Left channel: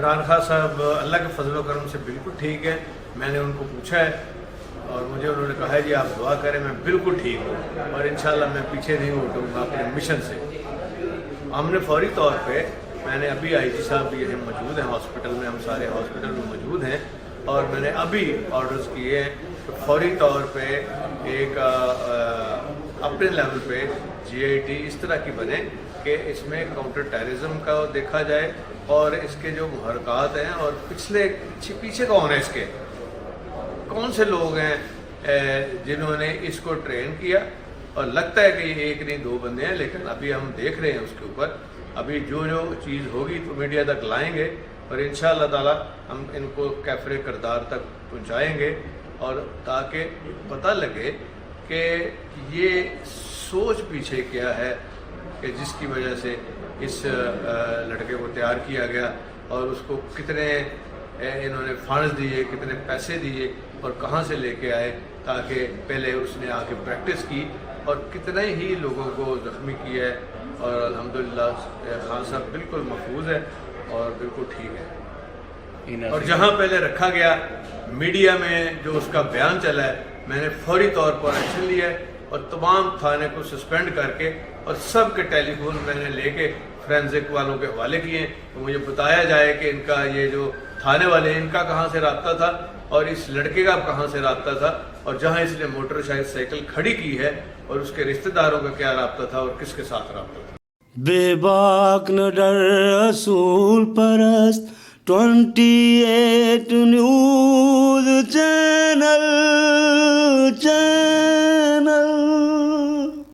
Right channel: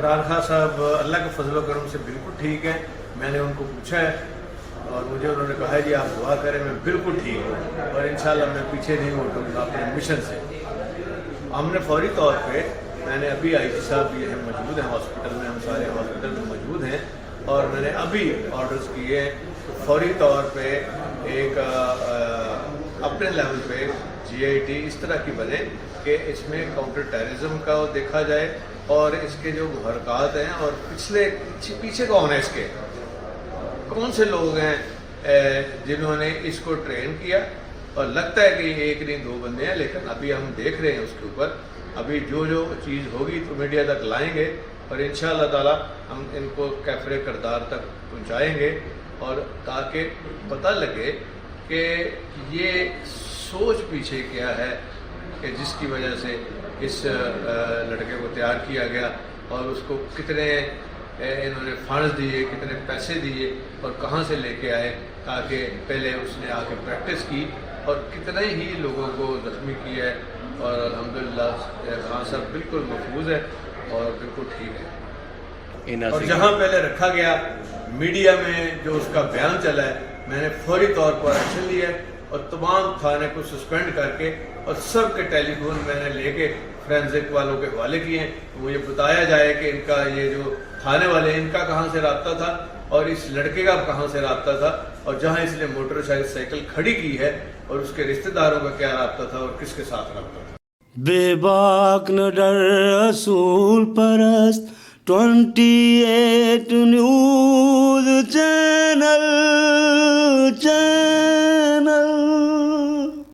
इमरान खान साहब अल्लाह के फजल करम से बिल्कुल ठीक है। मैंने उनको पूछा है और मुझे उन्होंने कहा है जी आप दुआ करें, मैं बिल्कुल ठीक हूँ और इंशाल्लाह मैं पीछे नहीं हटूँगा अपने मिशन से। हमने फौरी तौर पे, मैंने अभी आईजी साहब भी यहाँ मौजूद हैं हॉस्पिटल में, हम सारे हॉस्पिटल में मौजूद हैं और मैंने अभी ऑर्डर्स किए हैं कि फौरी तौर पे एक अपने लेवल पे GIT इस तरह की बने कि इसमें काउंटर टेररिज्म का देखा जाए और इसके जो हरकत हैं और पीछे कौन है, इसके कौन से लोग हैं जिन्होंने इसको ट्रेन किया। और लगता है कि ये एक नहीं दो बंदे हैं, लेकिन अभी हम देख रहे हैं उसके ऊपर। अभी जो जो चीज़ होगी तो मीडिया तक लाएंगे और इंशाअल्लाह ताला हम इनको कैफरे किरदार तक पहुंचाएंगे और ताकि पता लगे कि ये सोच पीछे क्या है कि जिसकी वजह से इस लड़के को तैयार किया गया और उसको कितने इन्होंने फंड्स दिए, कितने पैसे दिए और कहाँ से लेके आए, ताकि पहले उसने आके प्रैक्टिस की और कितने ही लोगों को ज़ख्मी किया है। और अल्हम्दुलिल्लाह खान साहब बिल्कुल महफूज है और बिल्कुल ठीक है। और जहाँ पहले रखा गया मीडिया में जो उसका बयान चला है, मैंने फौरी तौर पर एक्शन लिया है और तमाम थाने को सस्पेंड करके और सब के टेलीफोन मैंने लेके फोरेंसिक वालों के हवाले किए। तो मुझे बताया जाए कि इनका ये जो थाने वाले इनका कहाँ से राब्ता था और इस लड़के का कहाँ से राब्ता था और जहाँ इसने मोटरसाइकिल खड़ी की है और उसके रिश्तेदारों का क्या राब्ता था और किसके साथ राब्ता था। बेबाक न डर रसूल परस्त 28 न्यूज़ चैनल